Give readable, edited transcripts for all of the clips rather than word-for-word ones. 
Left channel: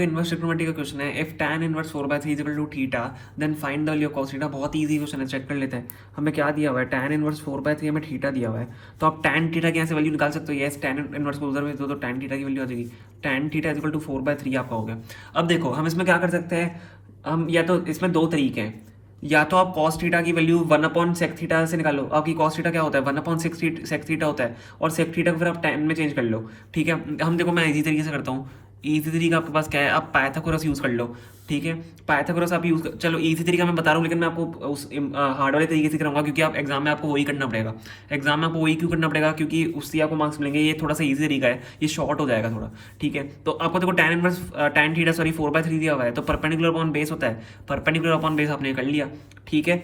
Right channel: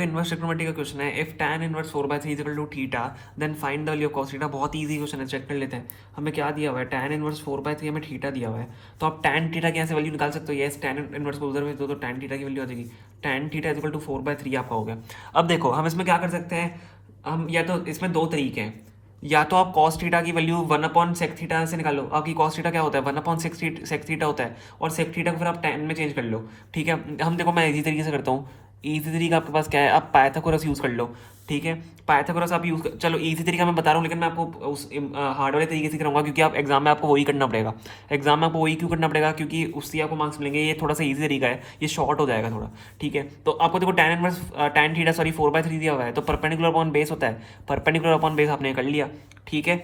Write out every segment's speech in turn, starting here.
Inverse trigonometry का question है, if tan inverse 4/3 is equal to theta then find the value of cos theta. बहुत easy question है, check कर लेते हैं। हमें क्या दिया हुआ है, tan इनवर्स 4/3 हमें थीटा दिया हुआ है, तो आप tan थीटा की यहाँ से वैल्यू निकाल सकते हो। यस, tan इनवर्स को उधर भेज दो तो tan थीटा की वैल्यू आ जाएगी, tan theta is equal to 4/3 आपका हो गया। अब देखो हम इसमें क्या कर सकते हैं, हम या तो इसमें दो तरीके हैं, या तो आप cos थीटा की वैल्यू 1/sec थीटा से निकालो। आपकी cos थीटा क्या होता है, 1/sec थीटा होता है, और sec थीटा को फिर आप tan में चेंज कर लो। ठीक है, हम देखो मैं इजी तरीके से करता हूँ। इजी तरीका आपके पास क्या है, आप पाइथागोरस यूज़ कर लो। ठीक है, पाइथागोरस आप यूज़ चलो इजी तरीका मैं बता रहा हूँ, लेकिन मैं आपको उस हार्ड वाले तरीके से कराऊंगा, क्योंकि आप एग्जाम में आपको वही करना पड़ेगा। एग्जाम में आपको वही क्यों करना पड़ेगा, क्योंकि उससे आपको मार्क्स मिलेंगे। ये थोड़ा सा इजी तरीका है, ये शॉर्ट हो जाएगा थोड़ा। ठीक है, तो आपको देखो tan थीटा 4/3 दिया हुआ है, तो परपेंडिकुलर अपॉन बेस होता है, परपेंडिकुलर अपॉन बेस आपने कर लिया। ठीक है,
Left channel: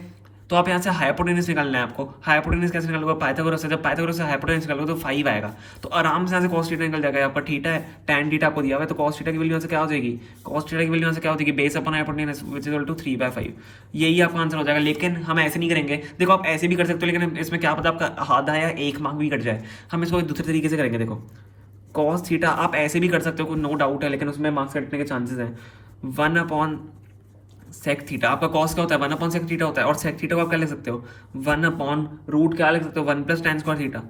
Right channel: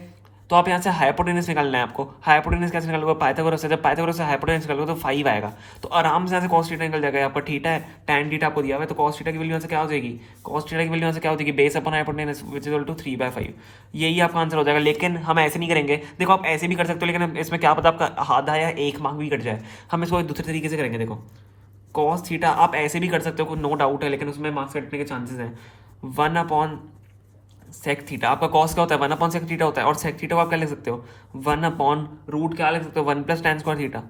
तो आप यहाँ से हाइपोटेनस निकालना है आपको। हाइपोटेनस कैसे निकालोगे, पाइथागोरस से। जब पाइथागोरस से हाइपोटेनस निकालोगे तो 5 आएगा, तो आराम से यहाँ से cos थीटा निकल जाएगा। आपका थीटा है, tan थीटा आपको दिया हुआ है, तो cos थीटा की वैल्यू यहाँ से क्या हो जाएगी, cos थीटा की वैल्यू यहाँ से क्या हो जाएगी, base upon hypotenuse which is equal to 3/5। यही आपका आंसर हो जाएगा। लेकिन हम ऐसे नहीं करेंगे, देखो आप ऐसे भी कर सकते हो, लेकिन इसमें क्या पता आपका आधा या 1 मार्क भी कट जाए। हम इसको दूसरे तरीके से करेंगे। देखो cos थीटा आप ऐसे भी कर सकते हो, नो डाउट है, लेकिन उसमें मार्क्स कटने के चांसेस हैं। 1/sec थीटा, आपका कॉस क्या होता है, 1/sec थीटा होता है, और sec थीटा को आप क्या लिख सकते हो, 1/रूट क्या लिख सकते हो, 1 + tan² थीटा।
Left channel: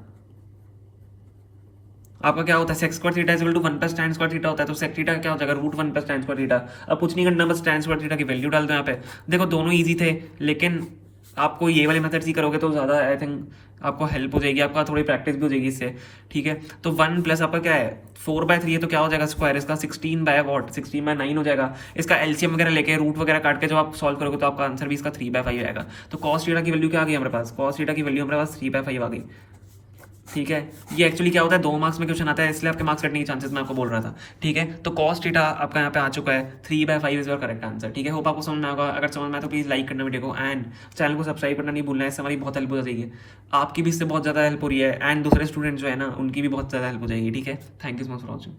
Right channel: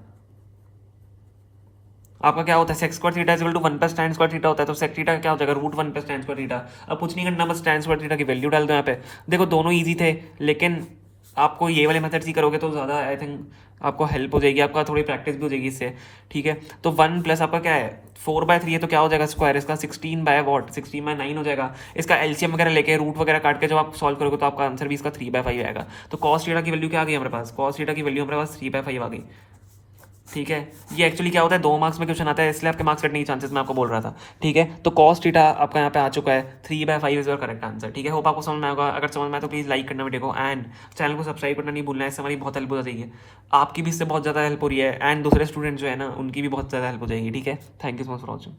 आपका क्या होता है, sec² theta is equal to 1 + tan² theta होता है, तो sec थीटा क्या हो जाएगा, √1 + tan² थीटा। अब कुछ नहीं करना, बस tan² थीटा की वैल्यू डाल दो यहाँ पे। देखो दोनों ईजी थे, लेकिन आपको ये वाले मेथड्स ही करोगे तो ज़्यादा आई थिंक आपको हेल्प हो जाएगी, आपका थोड़ी प्रैक्टिस भी हो जाएगी इससे। ठीक है, तो 1 प्लस आपका क्या है, 4/3 है, तो क्या हो जाएगा स्क्वायर इसका 16/9 हो जाएगा। इसका एलसीएम वगैरह लेके रूट वगैरह काट के जब आप सॉल्व करोगे तो आपका आंसर भी इसका 3/5 आएगा। तो cos थीटा की वैल्यू क्या आ गई हमारे पास, cos थीटा की वैल्यू हमारे पास 3/5 आ गई। ठीक है, ये एक्चुअली क्या होता है, 2 मार्क्स में क्वेश्चन आता है, इसलिए आपके मार्क्स कटने के चांसेस मैं आपको बोल रहा था। ठीक है, तो cos थीटा आपका यहाँ पे आ चुका है, 3/5 इज योर करेक्ट आंसर। ठीक है, होप आपको समझ में आएगा। अगर समझ में आए तो प्लीज़ लाइक करना वीडियो को, एंड चैनल को सब्सक्राइब करना नहीं भूलना है, इससे हमारी बहुत हेल्प हो जाएगी। आपकी भी इससे बहुत ज़्यादा हेल्प हो रही है, एंड दूसरे स्टूडेंट जो है ना उनकी भी बहुत ज़्यादा हेल्प हो जाएगी। ठीक है, thank you so much for watching.